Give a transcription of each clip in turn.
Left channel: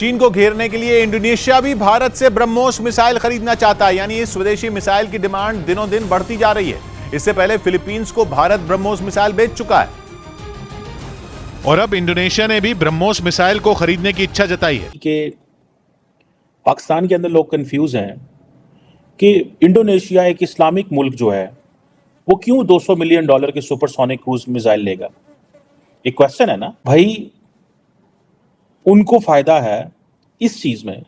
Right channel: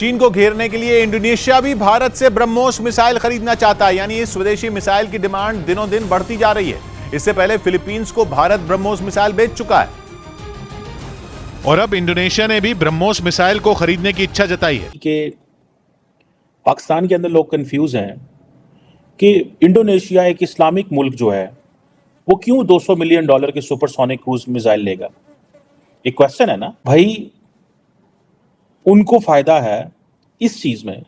चीन को घेरने के लिए इंडोनेशिया भी भारत से ब्रह्मोस मिसाइल खरीदना चाहता है। यानी इस स्वदेशी मिसाइल की डिमांड दिनों दिन बढ़ती जा रही है। इससे पहले फिलीपींस को भारत ब्रह्मोस मिसाइल बेच चुका है और अब इंडोनेशिया ने भी ब्रह्मोस मिसाइल को खरीदने की इच्छा जताई है। कि पाकिस्तान के अंदर लोग कंफ्यूज हैं कि इंडोनेशिया एक इस्लामिक मुल्क जो है वो क्यों $200 मिलियन के सुपरसोनिक क्रूज मिसाइल लेगा। एक क्वेश्चन है ना भाई। उनको फायदा है इस चीज में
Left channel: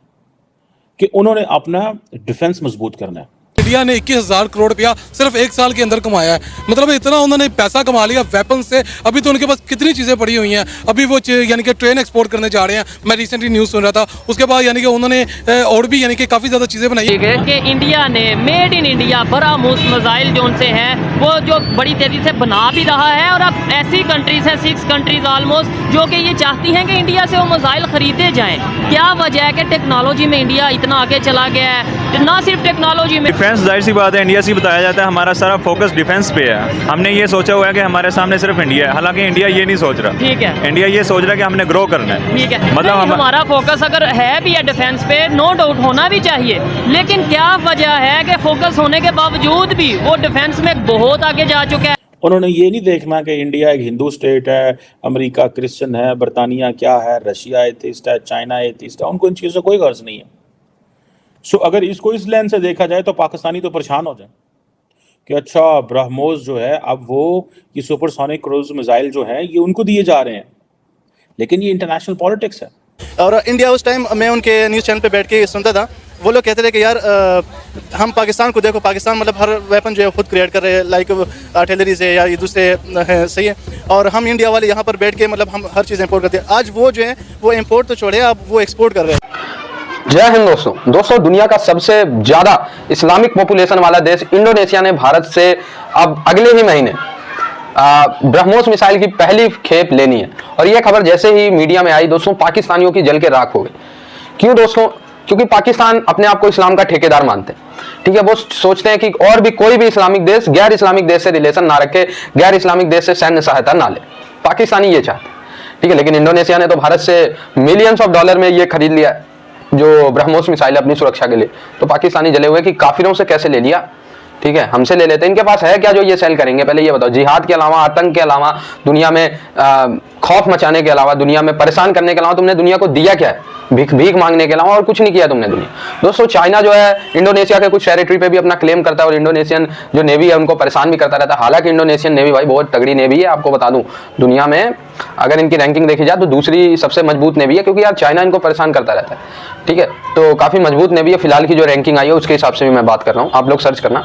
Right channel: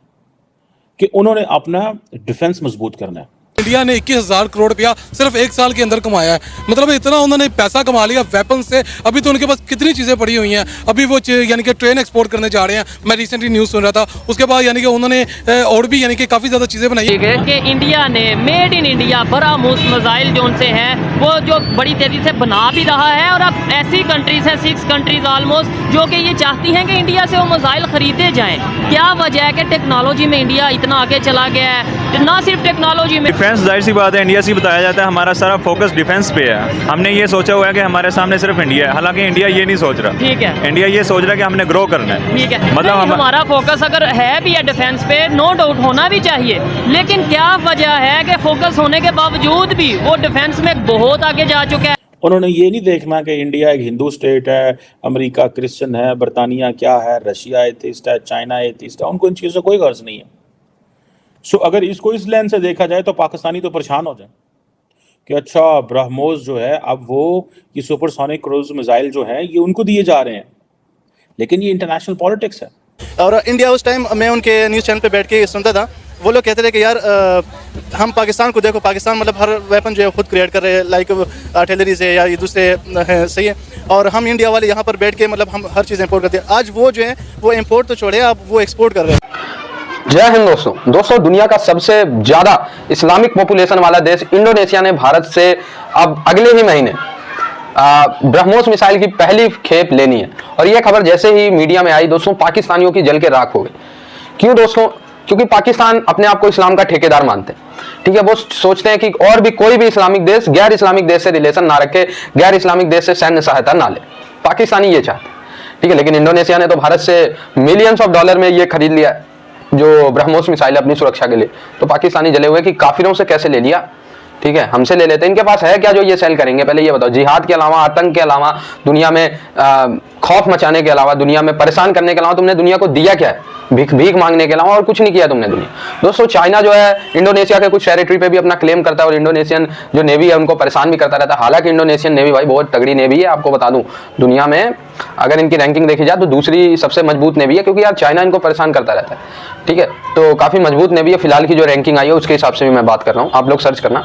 कि उन्होंने अपना डिफेंस मजबूत करना है। इंडिया ने 21,000 करोड़ रुपया सिर्फ एक साल के अंदर कमाया है। मतलब इतना उन्होंने पैसा कमा लिया वेपन से। अभी तो उनके पास कितनी चीजें पड़ी हुई हैं। अभी वो यानी कि ट्रेन एक्सपोर्ट करने जा रहे हैं। मैं रिसेंटली न्यूज़ सुन रहा था। उसके बाद यानी कि उन्होंने और भी यानी कि काफ़ी ज़्यादा चीज़ें बनाई है कि इंडिया ने made in India BrahMos missile जो उनसे हैं वो जो बड़ी तेज़ी से बना भी रहा है। और अब ऐसी कंट्रीज हैं 6 कंट्रीज ऑलमोस्ट जो कि ये चाहती हैं कि इंडिया से वो मिसाइल खरीदे जाएँ। क्या वजह है कि टेक्नोलॉजी में इंडिया इतना आगे चला गया है। ना सिर्फ टेक्नोलॉजी में, डिफेंस जाहिर सी बात है इंडिया से बताया जाता है हमारा सारा फोकस डिफेंस पे है। हमने ये सोचा हुआ है कि हमारे सामने सिर्फ इंडिया है। हालांकि इंडिया ये नहीं सोच रहा। ठीक है, इंडिया ये सोच रहा है कि हमने ग्रो करना है। ठीक है, मतलब हमारा फोकस अगर है भी है डिफेंस पे, नो डाउट होना भी चाहिए। लेकिन क्या वजह है कि फोकस होने के बावजूद भी वो डिफेंस में बहुत आगे जा चुका है। उन्होंने ये नहीं देखना कि इंडिया एक हिंदू स्टेट है, अमेरिका क्रिश्चियन है, बरतानिया क्या है, रशिया एथिस्ट है, चाइना एथिस्ट है। उनको इन चीज़ों से कोई गर्ज नहीं है। सो अगर इसको इस लेंस से देखा जाए तो पाकिस्तानी तो परेशान हो जाए कि अच्छा ब्रह्मोस जो है अब वो ये सुपरसोनिक क्रूज मिसाइल जो है ये उनको दिए जा रहे हैं। लेकिन ये इंटरनेशनल पॉलिटिक्स है। और इंडिया उस टाइम मैं उनके न्यूज़ चैनल पे बैठ के सुनता था। वो लोग कहते थे कि यार हम पाकिस्तान को देखो, पाकिस्तान मतलब हर वेपन जो है खुद क्रिएट कर रहे हैं, लाइक आर्टिलरी से या ये दूसरे हैं, सही है। और हम इंडिया वाले यहाँ पर बैठ के मतलब हम हर चीज़ इंपोर्ट करते हैं। आज वो जो है वो इंपोर्ट तो छोड़े, अब वो एक्सपोर्ट कर रहे हैं। जय हिंद दोस्तों दुनिया का सबसे ज्यादा इस्लामिक पॉपुलेशन वाला देश इंडोनेशिया ने भारत से अब अगले ही महीने ब्रह्मोस मिसाइल की पहली खेप लेनी है। और यह खबर जैसे ही मीडिया में आई दोस्तों, पाकिस्तानियों की जल के राख हो गई। क्यों दोस्तों? क्योंकि पाकिस्तान अपने आप को इस्लाम का ठेकेदार मानते हैं। ठीक है, वो सोचते हैं कि और भी कोई भी इस्लामिक देश गैर इस्लामिक देश से रिलेशन ना रखे, गैर इस्लामिक देश से सैन्य सहायता ना ले। पाकिस्तानी ये चाहते हैं। ठीक है, लेकिन इंडोनेशिया ने तो भारत से मिलियंस ऑफ डॉलर में ये खरीद लिया जो ब्रह्मोस मिसाइल अपनी सुरक्षा के लिए। तो पाकिस्तानी जले हुए कि काफिरों से कैसे ले लिया। ठीक है, हमसे ले लेते हैं। इनके पास है क्या जो ये सेल करेंगे? पहले ये बताओ। जिहाद के अलावा, आतंक के अलावा, दुनिया में खौफ मचाने के अलावा, दुनिया में परेशान करने के अलावा तुमने दुनिया को दिया क्या है? भीख मांगने के अलावा और कुछ नहीं किया तुमने दुनिया। दोस्तों चाइना जो है इंडोनेशिया के कुछ टेरिटरी पे भी अपना क्लेम करता है और इंडोनेशियन जो नेवी है उनको परेशान भी करता रहता है। हालांकि इंडोनेशियन नेवी भाई बहुत तगड़ी नेवी है। आपको बता दूं दुनिया में अगर इनकी रैंकिंग देखी जाए तो दूसरी सबसे मजबूत नेवी है, क्योंकि यार चाइना इनको परेशान करता रहता है। ठीक है, तो काफी मजबूत नेवी है। फिलहाल की जो रैंकिंग आई है उसके हिसाब से भी मैं बात कर रहा हूँ, आप लोग सर्च करना।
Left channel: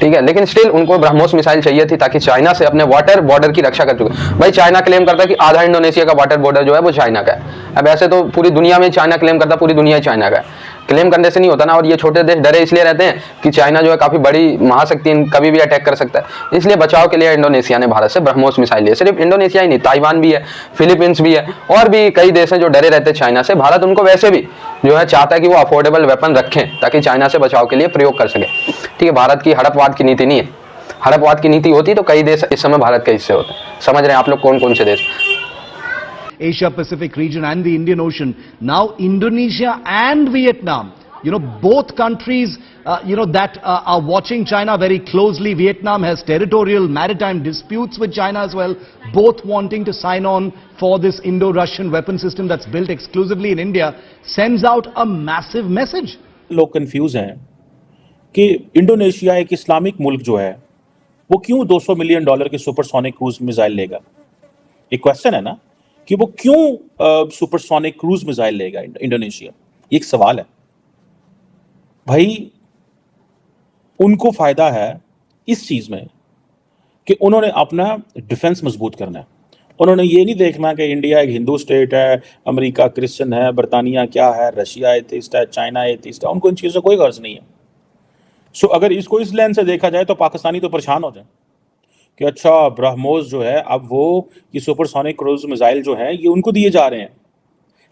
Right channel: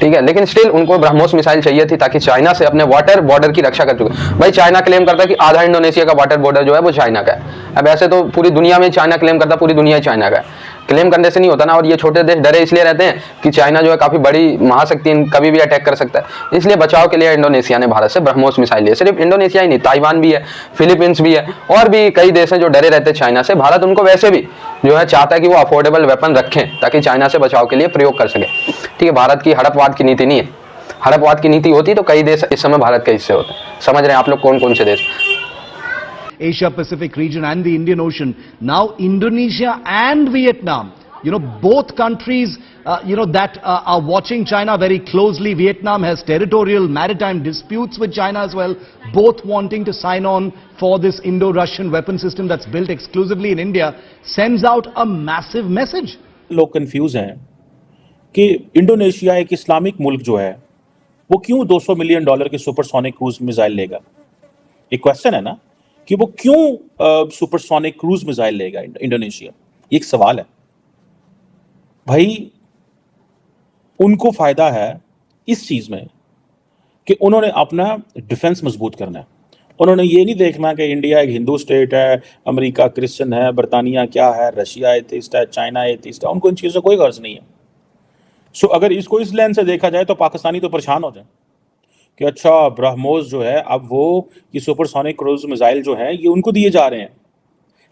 ठीक है, लेकिन स्टिल उनको ब्रह्मोस मिसाइल चाहिए थी ताकि चाइना से अपने वाटर बॉर्डर की रक्षा कर चुके। भाई चाइना क्लेम करता है कि आधा इंडोनेशिया का वाटर बॉर्डर जो है वो चाइना का है। अब ऐसे तो पूरी दुनिया में चाइना क्लेम करता है, पूरी दुनिया चाइना का है। क्लेम करने से नहीं होता ना। और ये छोटे देश डरे इसलिए रहते हैं कि चाइना जो है काफी बड़ी महाशक्ति, कभी भी अटैक कर सकता है। इसलिए बचाव के लिए इंडोनेशिया ने भारत से ब्रह्मोस मिसाइल लिए। सिर्फ इंडोनेशिया ही नहीं, ताइवान भी है, फिलीपींस भी है, और भी कई देश हैं जो डरे रहते हैं चाइना से। भारत उनको वैसे भी जो है चाहता है कि वो अफोर्डेबल वेपन रखें ताकि चाइना से बचाव के लिए प्रयोग कर सके। ठीक है, भारत की हड़पवाद की नीति नहीं है। हड़पवाद की नीति होती तो कई देश इस समय भारत के हिस्से होते। समझ रहे हैं आप लोग कौन कौन से देश? Asia Pacific region and the Indian Ocean. Now Indonesia and Vietnam, both countries, that are watching China very closely. Vietnam has territorial maritime disputes with China as well, both wanting to sign on for this Indo-Russian weapon system that's built exclusively in India, sends out a massive message. लोग confuse हैं कि Indonesia एक Islamic मुल्क जो है वो क्यों $200 million के सुपरसोनिक क्रूज मिसाइल लेगा। एक क्वेश्चन है ना कि वो क्यों सुपरसोनिक क्रूज मिसाइल लेगा इंडोनेशिया। एक सवाल है भाई। उनको फायदा है इस चीज में कि उन्होंने अपना डिफेंस मजबूत करना है। उन्होंने ये नहीं देखना कि इंडिया एक हिंदू स्टेट है, अमेरिका क्रिश्चियन है, बरतानिया क्या है, रशिया एथिस्ट है, चाइना एथिस्ट है। उनको इन चीज़ों से कोई गर्ज नहीं है। सो अगर इसको इस लेंस से देखा जाए तो पाकिस्तानी तो परेशान हो जाए कि अच्छा ब्रह्मोस जो है अब वो ये सुपरसोनिक क्रूज मिसाइल जो है ये उनको दिए जा रहे हैं।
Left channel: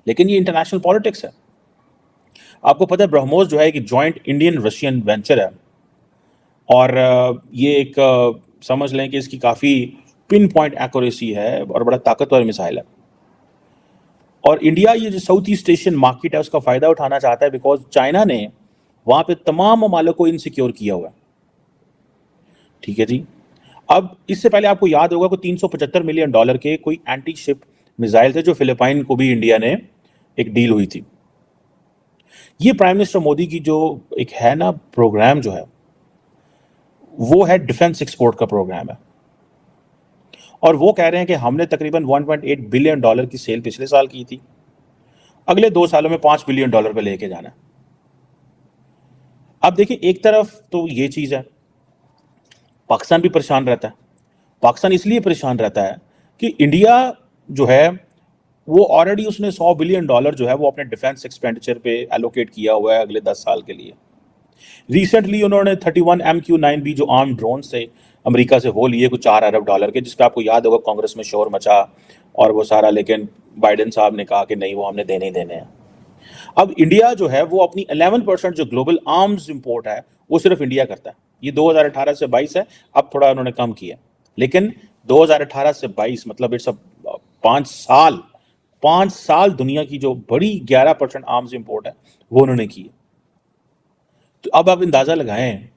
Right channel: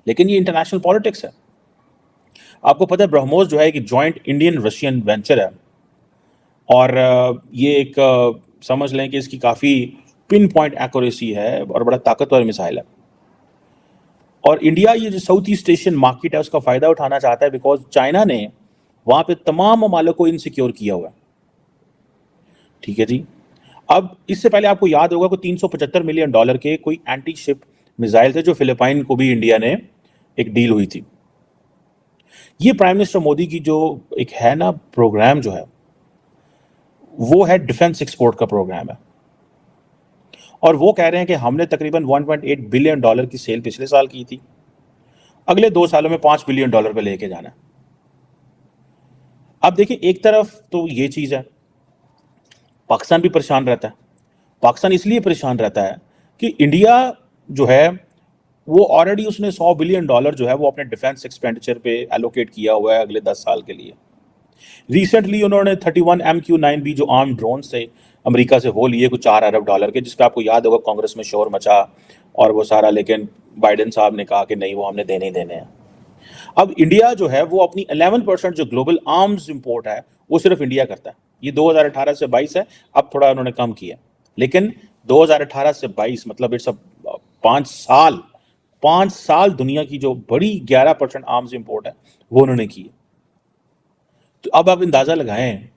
लेकिन ये इंटरनेशनल पॉलिटिक्स है। आपको पता है ब्रह्मोस जो है एक जॉइंट इंडियन रशियन वेंचर है और ये एक समझ लें कि इसकी काफ़ी पिन पॉइंट एक्यूरेसी है और बड़ा ताकतवर मिसाइल है। और इंडिया ये जो साउथ ईस्ट एशियन मार्केट है उसका फायदा उठाना चाहता है, बिकॉज चाइना ने वहां पे तमाम ममालिक को इनसिक्योर किया हुआ है। ठीक है जी। अब इससे पहले आपको याद होगा कि $375 मिलियन के कोई एंटी शिप मिसाइल थे जो फिलिपाइन को भी इंडिया ने एक डील हुई थी। ये प्राइम मिनिस्टर मोदी की जो एक है ना प्रोग्राम जो है वो है डिफेंस एक्सपोर्ट का प्रोग्राम है, और वो कह रहे हैं कि हमने तकरीबन $1.8 बिलियन की सेल पिछले साल की थी, अगले 2 सालों में $5 बिलियन पे लेके जाना है। अब देखिए, एक तरफ तो ये चीज है, पाकिस्तान भी परेशान रहता है। पाकिस्तान इसलिए परेशान रहता है कि इंडिया जो है वो ऑलरेडी उसने $100 बिलियन जो है वो अपने डिफेंस एक्सपेंडिचर पे एलोकेट किया हुआ है अगले 10 साल के लिए। रिसेंटली उन्होंने 31 MQ-9B जो आर्म ड्रोन थे अमेरिका से वो लिए कुछ $4 अरब के, जिसपे आपको याद होगा कांग्रेस में शोर मचा और वो सारा, लेकिन बाइडेन साहब ने कहा कि नहीं, वो हमने देने ही देने हैं। अब इंडिया जो है वो अपनी 11% जो ग्लोबल आर्म्स इंपोर्ट है वो सिर्फ इंडिया करता है। ये 2018 से 22 है, अब थोड़ा उन्होंने कम किया, लेकिन 2018 से 22 मतलब इट्स 5 साल दुनिया की जो बड़ी 11% आर्म्स इंपोर्ट है वो उन्होंने की है। तो अब आप अंदाजा लगाएं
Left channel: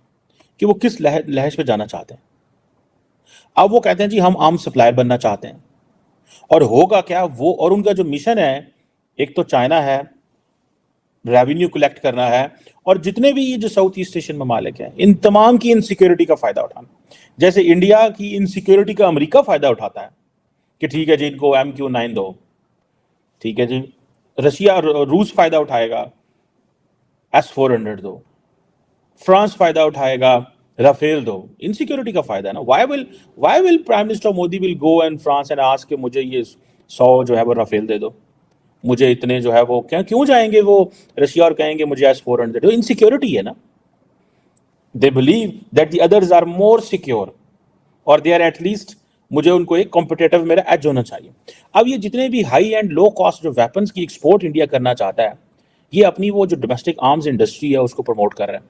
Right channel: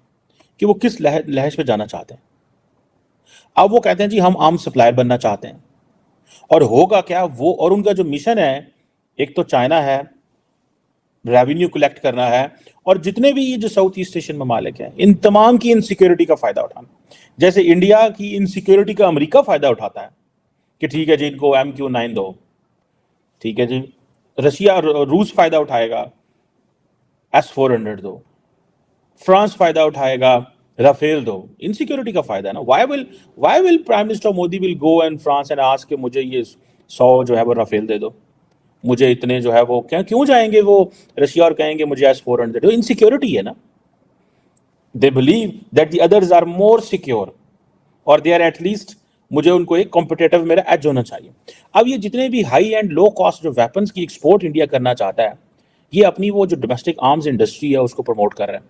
कि वो किस लहज पे जाना चाहते हैं। अब वो कहते हैं जी हम आर्म सप्लायर बनना चाहते हैं, और होगा क्या वो, और उनका जो मिशन है, एक तो चाइना है, रेवेन्यू कलेक्ट करना है, और जितने भी ये जो साउथ ईस्ट एशियन ममालिक हैं इन तमाम की इनसिक्योरिटी का फायदा उठाना। जैसे इंडिया की इनसिक्योरिटी का अमेरिका फायदा उठाता है कि ठीक है जी इनको MQ-9 दो, ठीक है जी, रशिया रूस फायदा उठाएगा S-400 दो, फ्रांस फायदा उठाएगा राफेल दो। इनसिक्योरिटी का फायदा है ना। Why will prime minister Modi will go and France and ask कि मुझे ये 100 जो है वो राफेल दे दो, मुझे इतने जो है वो, क्यों जाएंगे वो रशिया और कहेंगे मुझे S-400 दे दो। इनसिक्योरिटी है ना। They believe that the others are more secure, और दे आर एटलीस्ट, मुझे उनको एक कॉम्पिटिटिव मेरा एज होना चाहिए। अब ये जितने भी हाई एंड लो कॉस्ट जो वेपन्स की एक्सपोर्ट इंडिया करना चाहता है, ये अपनी वो जो डोमेस्टिक आर्म्स इंडस्ट्री है उसको प्रमोट कर रहा है,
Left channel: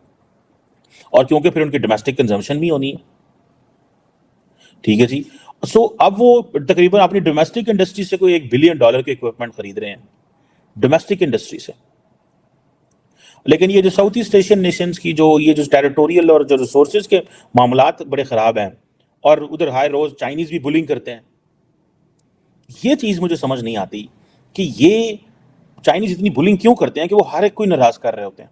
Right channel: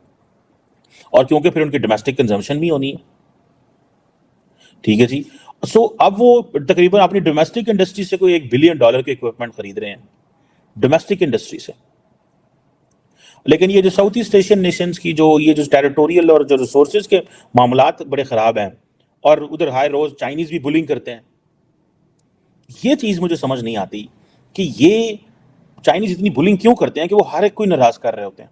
और क्योंकि फिर उनकी डोमेस्टिक कंजम्पशन भी होनी है। ठीक है जी। सो अब वो तकरीबन अपनी डोमेस्टिक इंडस्ट्री से कोई $1 बिलियन के इक्विपमेंट खरीद रहे हैं, डोमेस्टिक इंडस्ट्री से। लेकिन ये जो साउथ ईस्ट एशियन नेशंस की जो ये जो टेरिटोरियल और जो रिसोर्सेज के मामलात बड़े खराब हैं, और उधर हाई रोज चाइनीज भी बुलिंग करते हैं। ये चीज मुझे समझ नहीं आती कि ये चाइनीज इतनी बुलिंग क्यों करते हैं कि वो हर एक कोई नाराज कर रहे होते हैं।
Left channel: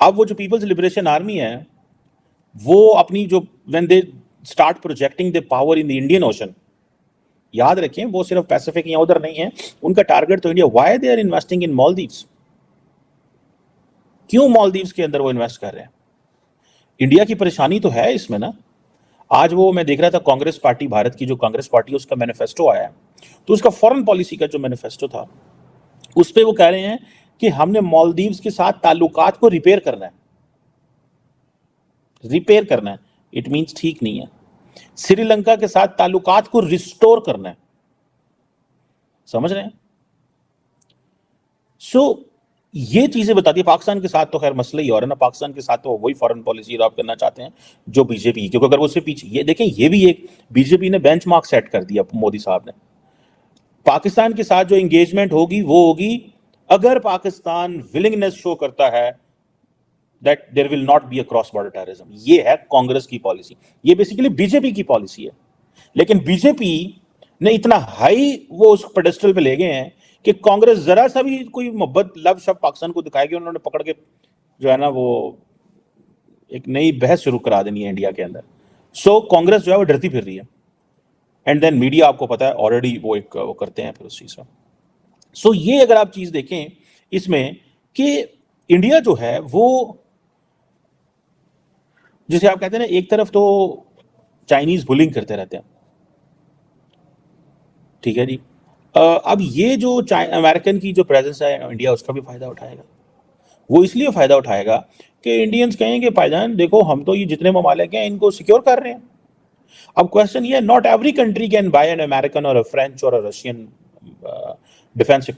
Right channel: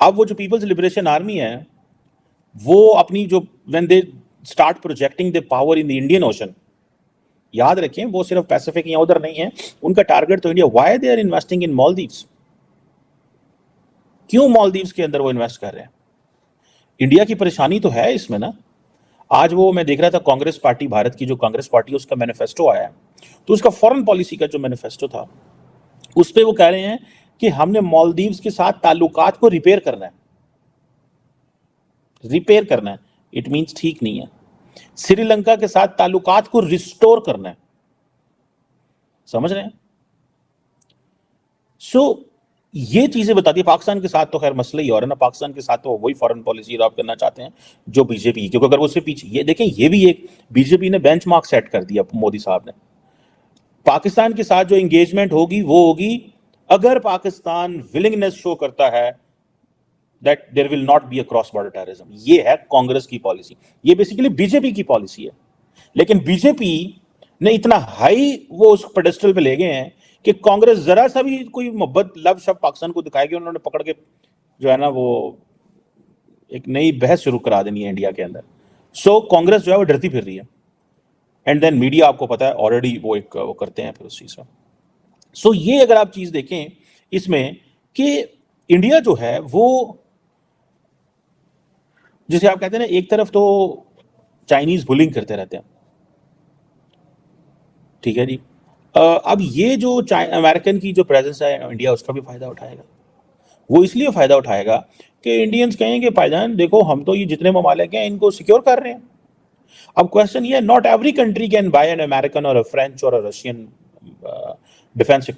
अब वो जो पीपल्स लिबरेशन आर्मी है वो अपनी जो when they start projecting the power in the Indian ocean, याद रखें वो सिर्फ पैसिफिक या उधर नहीं है, उनका टारगेट तो India. Why they are investing in Maldives? क्यों मालदीव्स के अंदर वो इन्वेस्ट कर रहे हैं? इंडिया की परेशानी तो है इसमें ना। आज वो मैं देख रहा था कांग्रेस पार्टी, भारत की जो कांग्रेस पार्टी उसका मैनिफेस्टो आया है, तो उसका फॉरेन पॉलिसी का जो मैनिफेस्टो था उस पे वो कह रहे हैं कि हमने मालदीव्स के साथ ताल्लुकात को रिपेयर करना है। रिपेयर करना है, इट मींस ठीक नहीं है। श्रीलंका के साथ ताल्लुकात को रिस्टोर करना है, समझ रहे हैं? सो ये चीजें बताती है। पाकिस्तान के साथ तो खैर मसला ही और है ना, पाकिस्तान के साथ तो वही फॉरेन पॉलिसी अडॉप्ट करना चाहते हैं जो बीजेपी, क्योंकि अगर उससे पीछे ये देखें, ये भी एक बीजेपी ने बेंचमार्क सेट कर दिया मोदी साहब ने। पाकिस्तान के साथ जो एंगेजमेंट होगी वो होगी अगर पाकिस्तान विलिंगनेस शो करता है that there will not be a cross border terrorism. ये है कांग्रेस की पॉलिसी, ये बेसिकली बीजेपी की पॉलिसी है। लेकिन बीजेपी ने इतना हाई वो उस पेडेस्टल पे ले गए हैं कि कांग्रेस जरा सा भी कोई मोहब्बत लव शब्द पाकिस्तान को दिखाएगी, उन्होंने पकड़ के जो है ना वो एक नई बहस शुरू करा देनी है इंडिया के अंदर। सो कांग्रेस जो है वो डरती फिर रही है, एंड देन मीडिया आपको पता है ऑलरेडी वो एक वो करते हैं फिर उस चीज का। सो ये अगर आप चीज देखें इसमें कि इंडिया जो है वो, जिसे आप कहते हैं ना, एक तरफ तो चाइनीज बुलिंग करते रहते हैं, ठीक है जी। अब ये जो अमेरिकन की जो प्रेजेंस है इंडिया उसका भी फायदा उठाएगा। वो इसलिए फायदा उठाएगा कि इंडियंस कहेंगे भाईजान देखो हम तो ये जितने ममालिक हैं इनको सिक्योर कर रहे हैं। अब क्वेश्चन ये है, not every country can buy an American और अ फ्रेंच और अ रशियन डिफेंस